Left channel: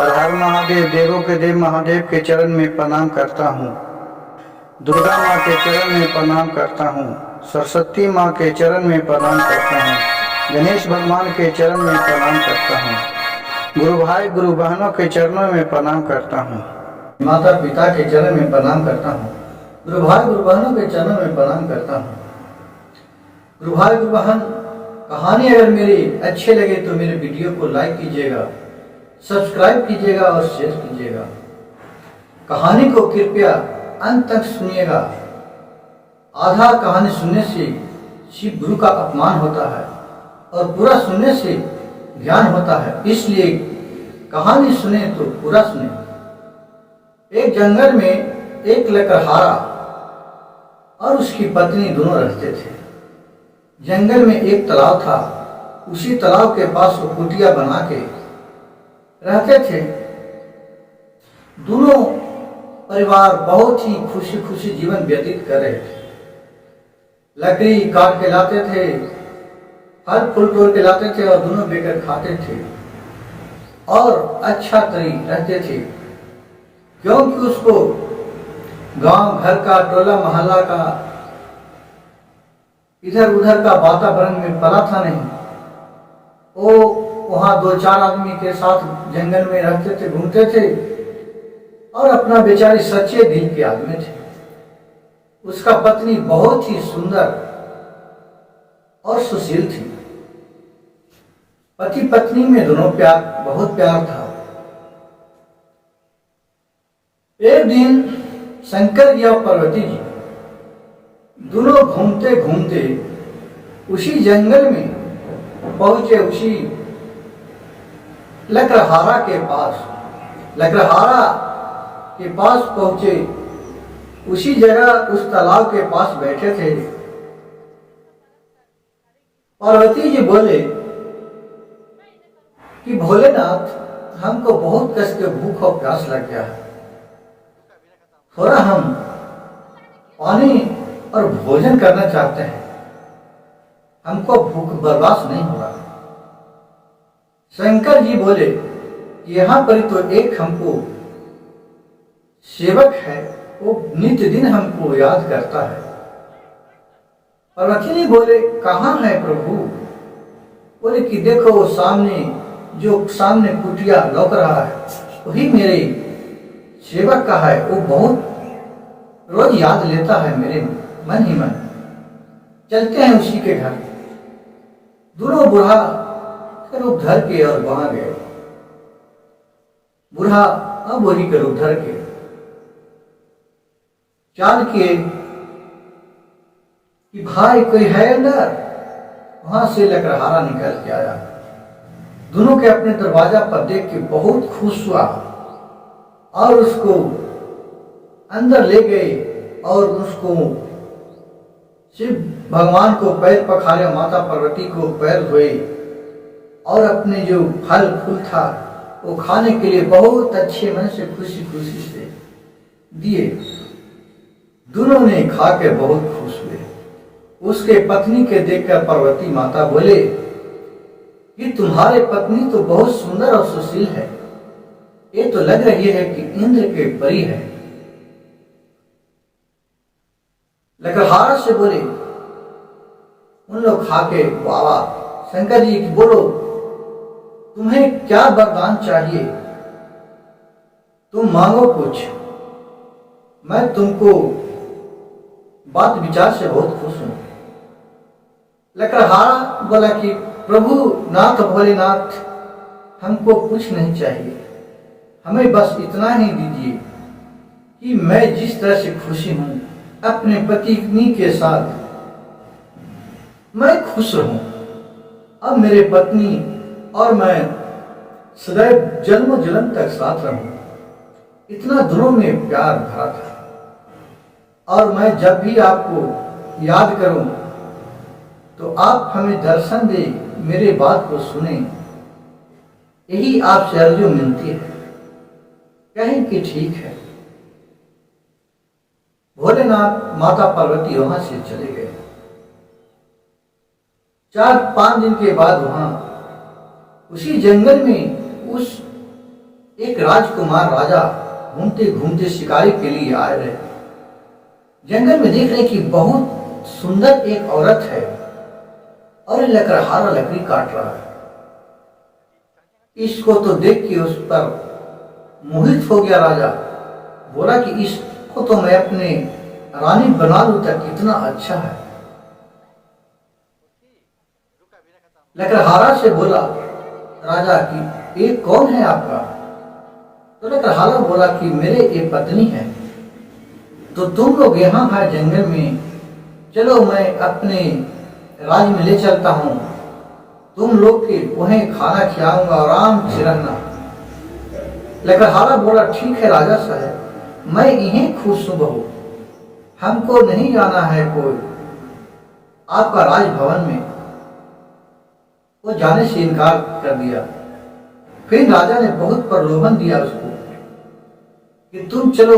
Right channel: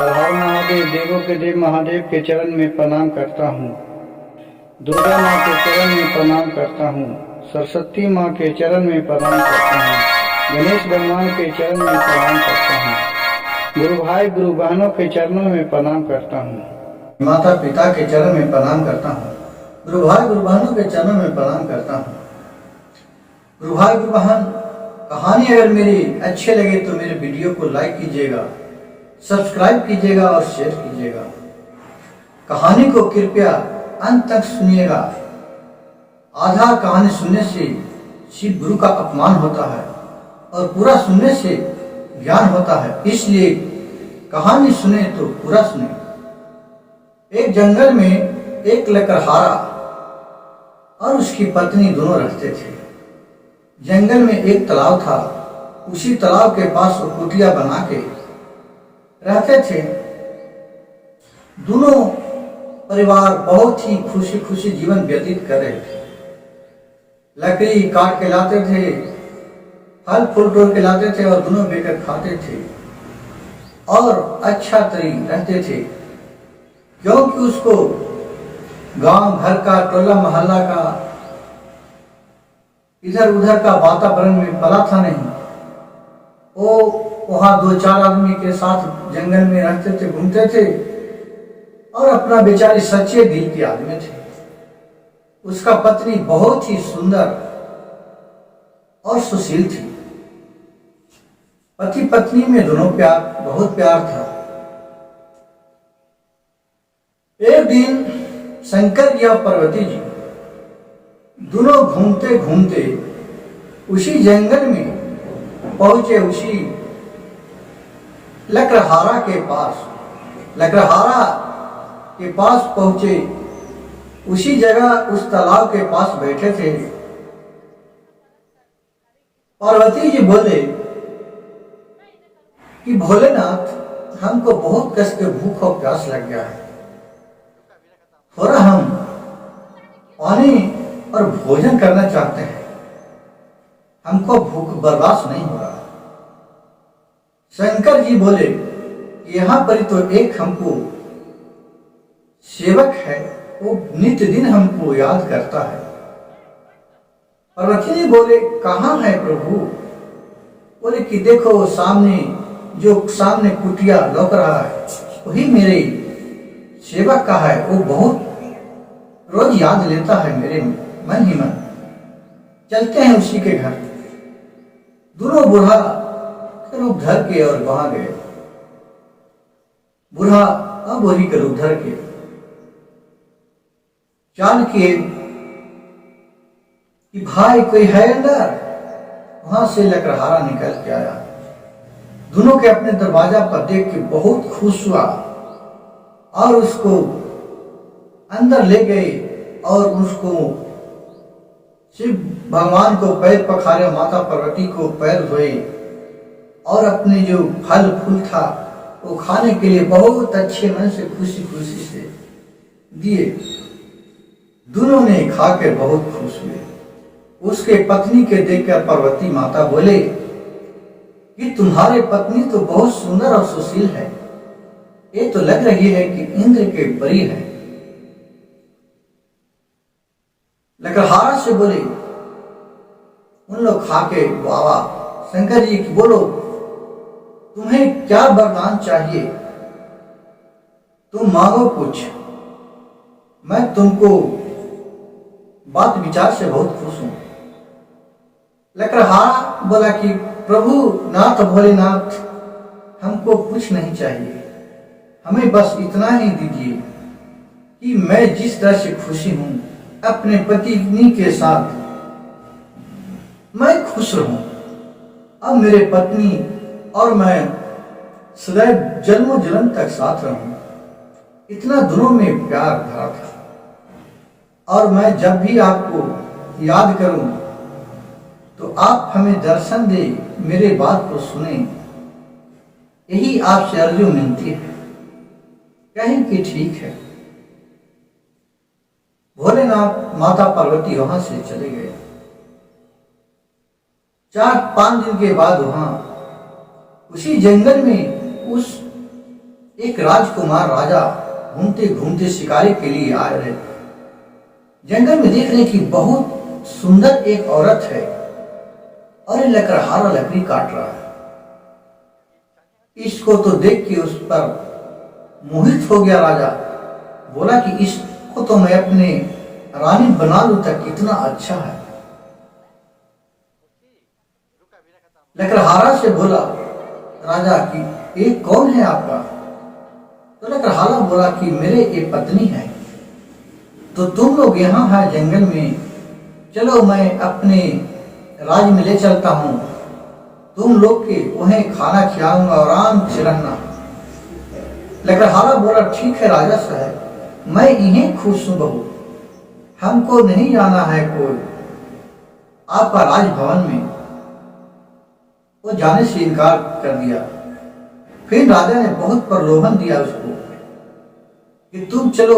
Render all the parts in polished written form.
हर हर महादेव, देवों के देव महादेव के चरण में प्रणाम करता हूँ। दुर्गा माँ के चरण में प्रणाम करता हूँ। सरस्वती माँ के चरण में प्रणाम करता हूँ। गणेश भगवान के चरण में प्रणाम करता हूँ। गुरु भाई गुरु बहनों के चरणों में प्रणाम करता हूँ। माता पिता के चरण में प्रणाम करता हूँ। गुरु भाई गुरु बहनों के चरणों में प्रणाम करता हूँ। गुरु भाई गुरु बहन, कहानी अगर मेरी अच्छे लगे तो मेरे वीडियो को लाइक कीजिएगा, सब्सक्राइब कीजिएगा और शेयर कीजिएगा। कहानी को कृपया अंत तक सुनिएगा। आधा कहानी सुनने से शिव गुरु का अपमान होता है और पूरा सुनने से ज्ञान होता है, इसलिए कहानी सुने तो पूरा सुने। एक जंगल में एक लकड़हारा और उसकी पत्नी दोनों रहते थे। जंगल में एक तालाब था, उसी तालाब के पास वो कुटिया बना के रहते थे। दोनों परिवार बहुत ही खुशी खुशी जीवन व्यतीत कर रहे थे। लकड़ी काट के लाते थे, फल फूल तोड़ के लाते थे और दोनों बेकर खाते थे और अच्छा तरी रहते थे, क्योंकि उसको गांव घर का, टोला मोहल्ला का, इधर उधर का वातावरण में पला था नहीं। वो वहां दो चार आदमी के साथ जंगल में रहते थे, घूमते थे और अपना बेचारी सच्चे दिल के आदमी थे। उसका पत्नी बहुत ही सुंदर और सुशील थी। पति पत्नी में दोनों बहुत प्यार था। एक दिन शंकर जी और पार्वती जी दोनों घूमते घूमते उसी जंगल में पहुंचे, उसी लकड़हारा के पास। लकड़हारा के पास पहुंचे, उसी जगह उस तालाब के पास बैठे थे। पार्वती जी बोले कि भोलेनाथ, हमको बहुत कष्ट के भूख और प्यास लग गया है, थोड़ा हम पानी और भोजन करना चाहते हैं, हमको भूख बर्दाश्त नहीं हो रहा है। शंकर जी बोले, यहाँ पर तो एक हमको सेवक है, वो नित्य दिन हमको याद करता है। पार्वती जी बोले, कहाँ है प्रभु? बोले कि देखो सामने, जो सामने कुटिया लौक रहा है वही मेरे सेवक का है, वो बहुत रोज याद लेता है मेरे मन ही मन। चलते हैं उसी के घर। दोनों बूढ़ा रूप धर के और वहां गए। बूढ़ा और बूढ़ी के रूप धर के चाल किए कि भाई कोई है अंदर। वहां से लकड़हारा निकल के आया। दोनों के अपने दरवाजा पर देख के बहुत खुश हुआ और उसको अंदर ले गए और उसको शिव भगवान को पैर पखारे, माता पार्वती को पैर धोए और अपने जो फल फूल था वो खाने के लिए बहुत अच्छे मन से खुशी खुशी से दिए। दोनों ने खा के बहुत खुश हुए। उसके पत्नी के देखकर पार्वती माता बोले कि तुम्हारे पत्नी तो बहुत सुंदर और सुशील है, ये तो लग रही है कि इंद्र के परी है। लकड़हारा से बोले, उन लोग खा के बाबा शंकर जी की बोलो, तुम्हें क्या वरदान चाहिए? तुम मांगो कुछ, मैं तुमको बात विचार से बहुत खुश हूं। लकड़हारा बोला कि प्रभु नाथ भोलेनाथ, हमको कुछ नहीं चाहिए, हमें बस इतना ही दीजिए कि मैं जिस तरह से खुशी हूं अपने पत्नी के साथ, मैं खुश रहूं। अब मेरे पत्नी और मैं सदैव जन्मों जन्म तक साथ रहूं। इतना दोनों में प्यार भरा था और मैं जब भी आपको याद करूं तो आप हमें दर्शन दे, मेरे बात को सुने, यही आपसे अर्जू मिलती है। कहें कि ठीक है। भोलेनाथ माता पार्वती वहां से चले गए। 4-5 दिन के बाद वहां उसी जंगल में उस एक राजकुमार राजा घूमते घूमते शिकारी के लिए आए रहे। जंगल में देख रहे कि बहुत सुंदर एक औरत है और लकड़हारा लकड़ी काट रहा है। इसको तो देख के उस पर मोहित हो गया राजा। बोला कि इसको तो मैं अपने रानी बना लूं तो कितना अच्छा है। लकड़हारा से बोला राजा कि ये कौन है आपका? तो लकड़हारा बोला कि मेरे ये पत्नी है। तो तुम लोग यहाँ है जंगल में, चलो मैं अपने राज में ले चलता हूँ, तुम लोग के वहीं खाना खिलाऊंगा, आराम से रहना। लकड़हारा बोला ठीक है राजा साहब, मैं यहीं खुश हूँ बहू, हमको नहीं जाना है कोई आपका राजभवन में। वो जाने से इनकार कर दिया। फिर राजा ने बहुत प्रलोभन दिया उसको कि तुम चलो,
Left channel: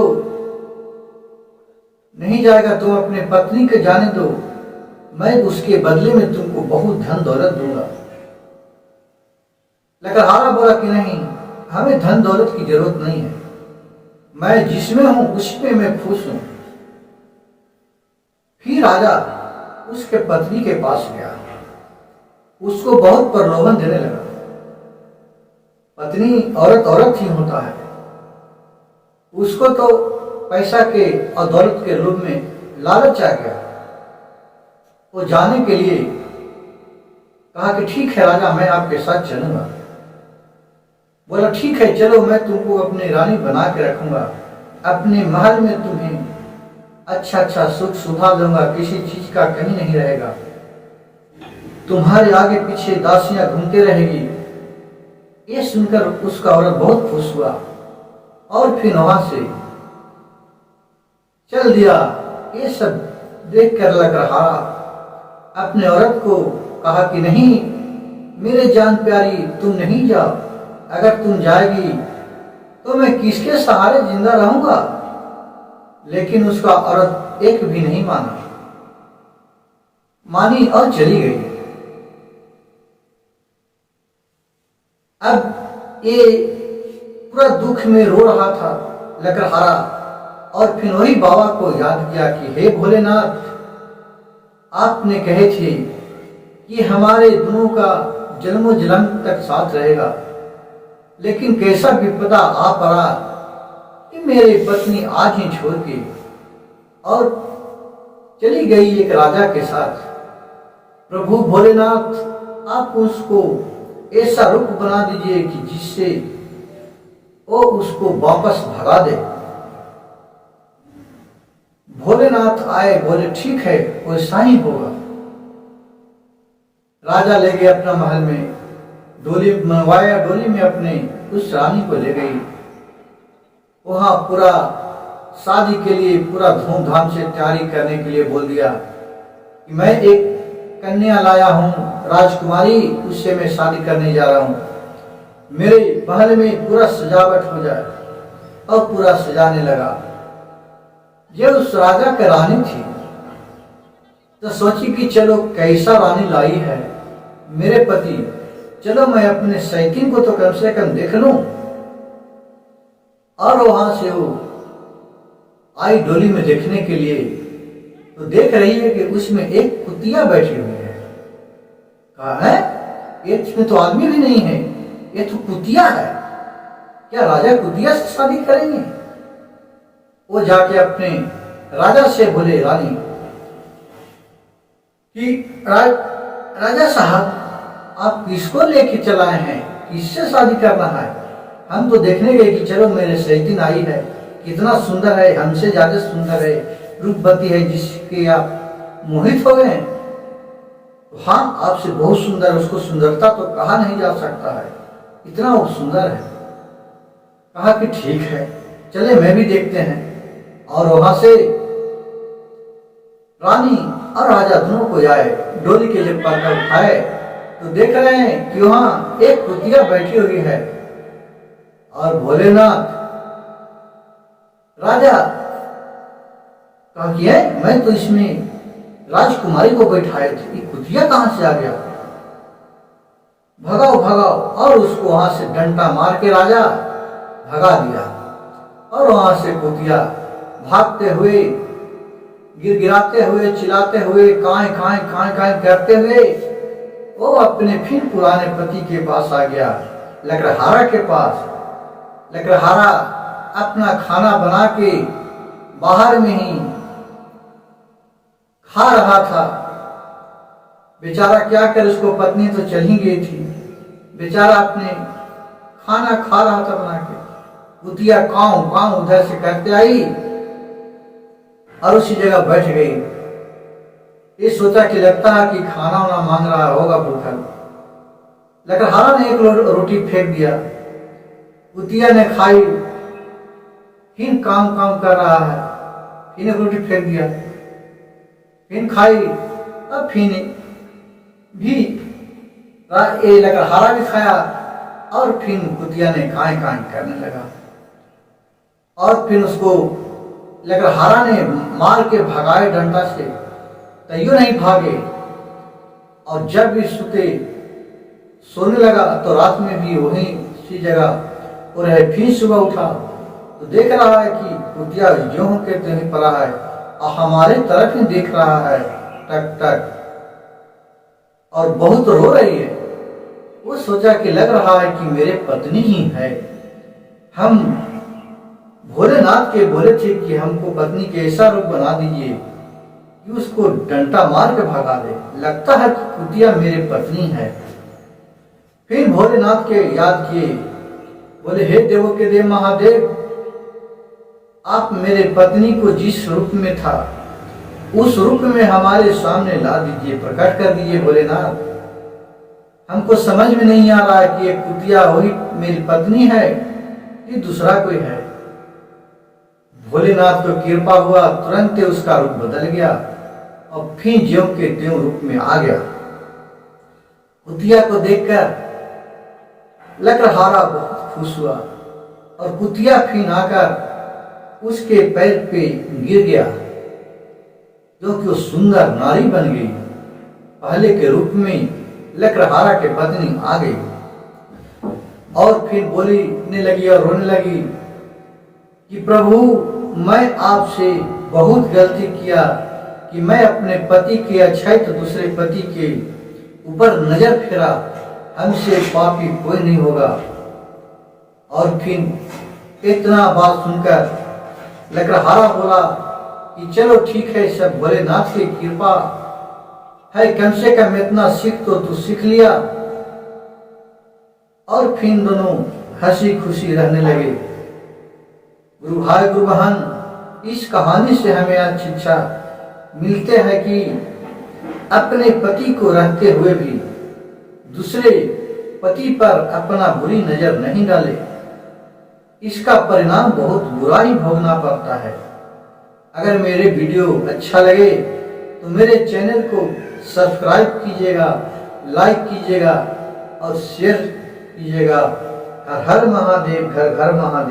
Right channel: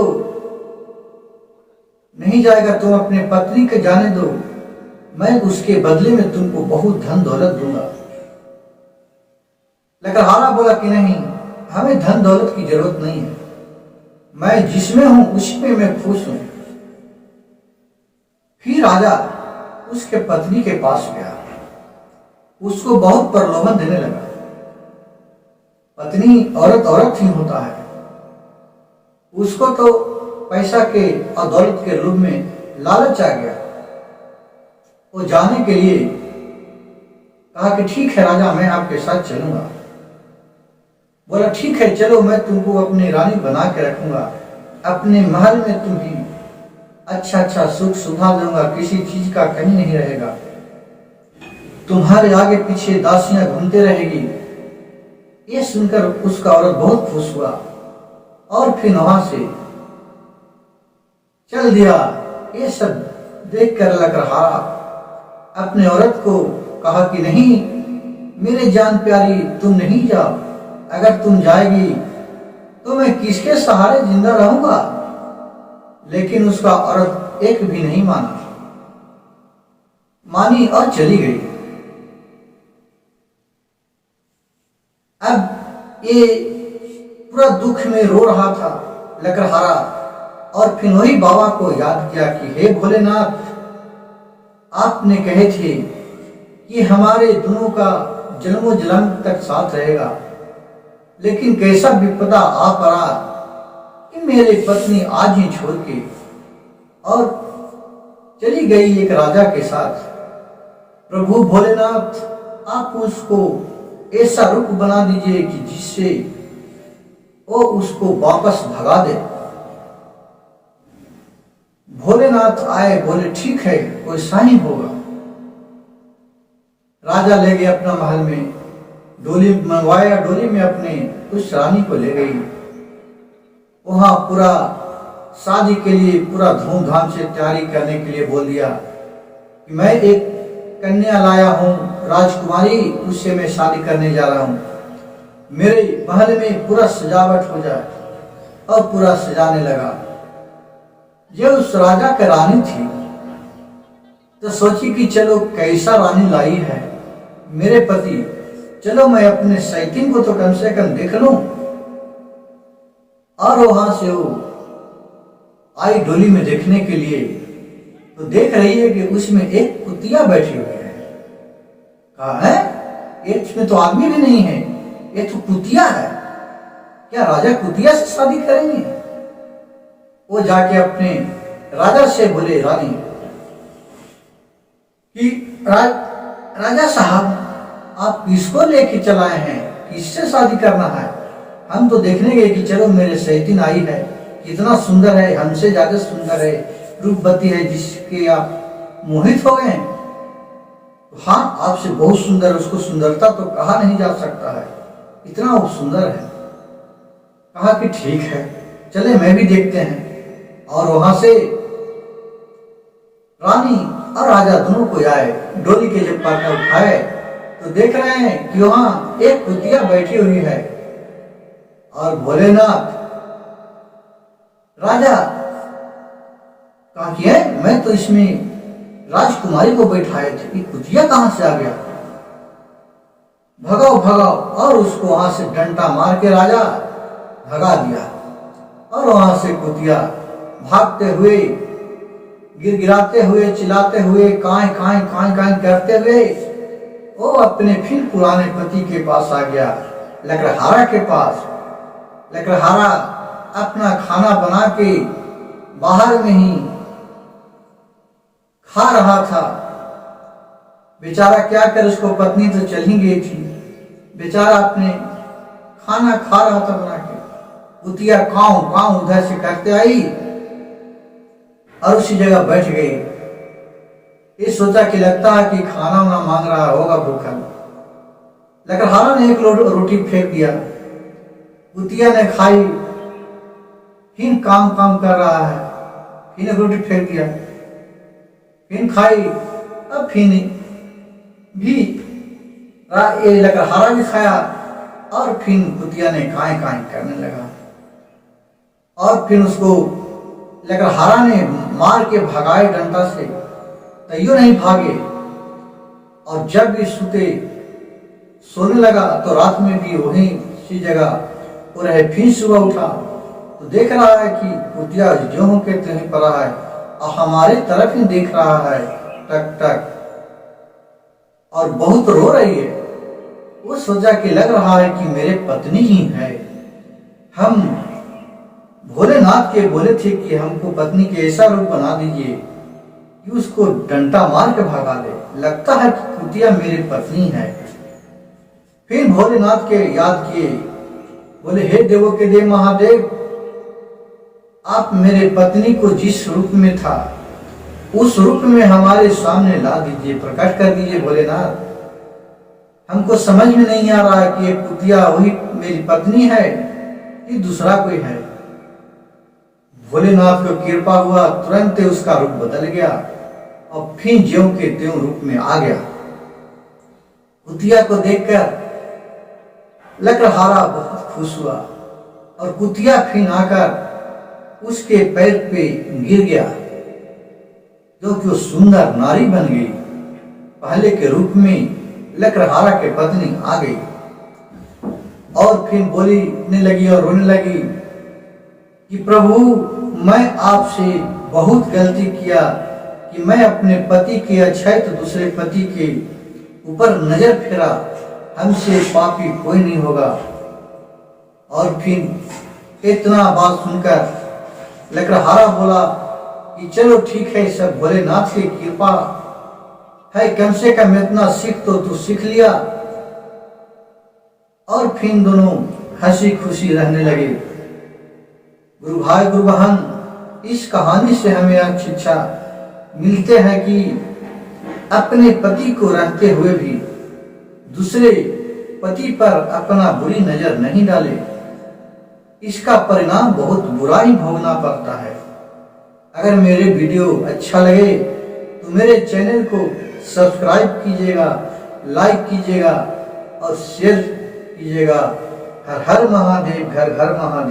नहीं जाएगा तुम अपने पत्नी के जाने दो, मैं उसके बदले में तुमको बहुत धन दौलत दूंगा। लकड़हारा बोला कि नहीं, हमें धन दौलत की जरूरत नहीं है, मैं जिसमें हूं उसमें मैं खुश हूं। फिर राजा उसके पत्नी के पास गया, उसको बहुत प्रलोभन देने लगा। पत्नी औरत औरत ही होता है, उसको तो पैसा के और दौलत के रूप में लालच आ गया। वो जाने के लिए कहा कि ठीक है राजा, मैं आपके साथ चलूंगा। बोला ठीक है चलो, मैं तुमको अपनी रानी बना के रखूंगा, अपने महल में तुम्हें अच्छा अच्छा सुख सुविधा दूंगा, किसी चीज का कमी नहीं रहेगा, तुम्हारे आगे पीछे दासियां घूमते रहेगी। ये सुनकर उसका औरत बहुत खुश हुआ और फिर वहां से चल दिया। ये सब देखकर लकड़हारा अपने औरत को कहा कि नहीं मेरे जान प्यारी, तुम नहीं जाओ, अगर तुम जाएगी तो मैं किसके सहारे जिंदा रहूंगा। लेकिन उसका औरत एक भी नहीं मानी और चली गई। अब ये पूरा दुख में रो रहा था लकड़हारा, और फिर वही बाबा को याद किया कि हे भोलेनाथ, आपने कहे थे कि हमारे दोनों का जन्मों जन्म तक साथ रहेगा, लेकिन कैसा विपदा आ पड़ा कि मेरी पत्नी आज ही छोड़ के और चली गई एक राजा के साथ। प्रभु भोलेनाथ, आप उसको ऐसा रूप बना दीजिए कि जिससे वो उसको वापस भगा दे। भोलेनाथ आए, बोले ठीक है वैसा ही होगा। राजा ले गए अपना महल में, डोली मंगवाया, डोली में अपने उस रानी को ले गई। वहां पूरा शादी के लिए पूरा धूमधाम से तैयारी करने के लिए बोल दिया कि मैं एक कन्या लाया हूं राजकुमारी, उससे मैं शादी करने जा रहा हूं, मेरे महल में पूरा सजावट हो जाए। और पूरा सजाने लगा। ये उस राजा की रानी थी, तो सोची कि चलो कैसा रानी लाई है मेरे पति, चलो मैं अपने सैतीन को तो कम से कम देख लूं। और वहां से वो आई डोली में देखने के लिए, तो देख रही है कि उसमें एक कुतिया बैठी हुई है। कहा है ये इसमें तो आदमी भी नहीं है, ये तो कुतिया है, क्या राजा कुतिया से शादी करेंगे? वो जाके अपने राजा से बोले रानी कि राजा साहब, आप किसको लेके चलाए हैं, किससे शादी करना है? हम तो देखने गए कि चलो मेरे सैतीन आई है, कितना सुंदर है, हमसे ज्यादा सुंदर है, रूपवती है, जिसके आप मोहित हो गए। हाँ आपसे बहुत सुंदर, उसको सुंदरता तो कहा नहीं जा सकता है, इतना वो सुंदर है। कहा कि ठीक है चले मैं भी देखते हैं। और वहां से रानी और राजा दोनों को आए, डोली के जब पर्दा उठाए तो देख रहे हैं कि वहां एक कुतिया बैठी हुई है। और भोलेनाथ राजा कहा कि है मैं तो इसमें राजकुमारी को बैठाए थे, ये कुतिया कहां से आ गया? भगाओ भगाओ। और उसको वहां से डंडा मार के राजा भगा दिया और वहां से कुतिया भागते हुए, गिड़गिड़ाते हुए, चिल्लाते हुए, काई काई काई काई करते हुए वो अपने फिर पुराने पति के पास आ गया, लकड़हारा के पास। लकड़हारा अपना खाना बना के बाहर में ही खा रहा था। बेचारा क्या करे, उसको पत्नी तो चल ही गई थी, बेचारा अपने खाना खा रहा था बना के। कुतिया काऊ काऊ उधर से करते आई और उसी जगह बैठ गई। ये सोचा कि लगता है कि खाना वाना मांग रहा होगा भूखा। लकड़हारा ने एक रोटी फेंक दिया, कुतिया ने खाई, फिर काम काम कर रहा है, फिर एक रोटी फेंक दिया, फिर खाई, अब फिर भी लकड़हारा भी खाया और फिर कुतिया ने काई काई करने लगा और फिर उसको लकड़हारा ने मार के भगाए डंडा से, तैयो नहीं भागे। और जब भी सोने लगा तो रात में भी वहीं सी जगह और है। फिर सुबह उठा तो देख रहा है कि कुतिया जो हो के त्यों पड़ा है और हमारे तरफ ही देख रहा है टक टक और बहुत रो रही है। वो सोचा कि लग रहा है कि मेरे पत्नी ही है। हम भोलेनाथ के बोले थे कि हमको पत्नी के ऐसा रूप बना दीजिए कि उसको डंडा मार के भगा दे। लगता है कि कुतिया मेरी पत्नी है। फिर भोलेनाथ के याद किए, बोले हे देवों के देव महादेव, आप मेरे पत्नी को जिस रूप में था उस रूप में हमारे सामने ला दीजिए, प्रकट कर दीजिए भोलेनाथ। हमको समझ में नहीं आ रहा है कि ये कुतिया वही मेरी पत्नी है कि दूसरा कोई है। भोलेनाथ को कृपा हुआ, तुरंत उसका रूप बदल गया और फिर ज्यों के त्यों रूप में आ गया। कुतिया को देखकर लकड़हारा बहुत खुश हुआ और कुतिया फिर आकर उसके पैर पे गिर गया, क्योंकि वो सुंदर नारी बन गई। पहले के रूप में लकड़हारा के पत्नी आ गई और फिर बोलने लगी और रोने लगी कि प्रभु, मैं आपसे बहुत गलती किया कि मैं अपने पति के अक्षय तो दूसरे पति के ऊपर नजर फेरा, हमसे पापी कोई नहीं होगा। और फिर इतना बात सुनकर लकड़हारा बोला कि चलो ठीक है, सब भोलेनाथ की कृपा है, कम से कम इतना सीख तो तू सीख लिया। और फिर दोनों हंसी खुशी रहने लगे। गुरु भाई गुरु बहन, इस कहानी से हमें आज शिक्षा मिलते हैं कि अपने पति को रहते हुए भी दूसरे पति पर अपना बुरी नजर नहीं डाले, इसका परिणाम बहुत बुरा ही भोगना पड़ता है। अगर मेरे वीडियो अच्छा लगे तो मेरे चैनल को सब्सक्राइब कीजिएगा, लाइक कीजिएगा और शेयर कीजिएगा। हर हर महादेव, घर घर महादेव।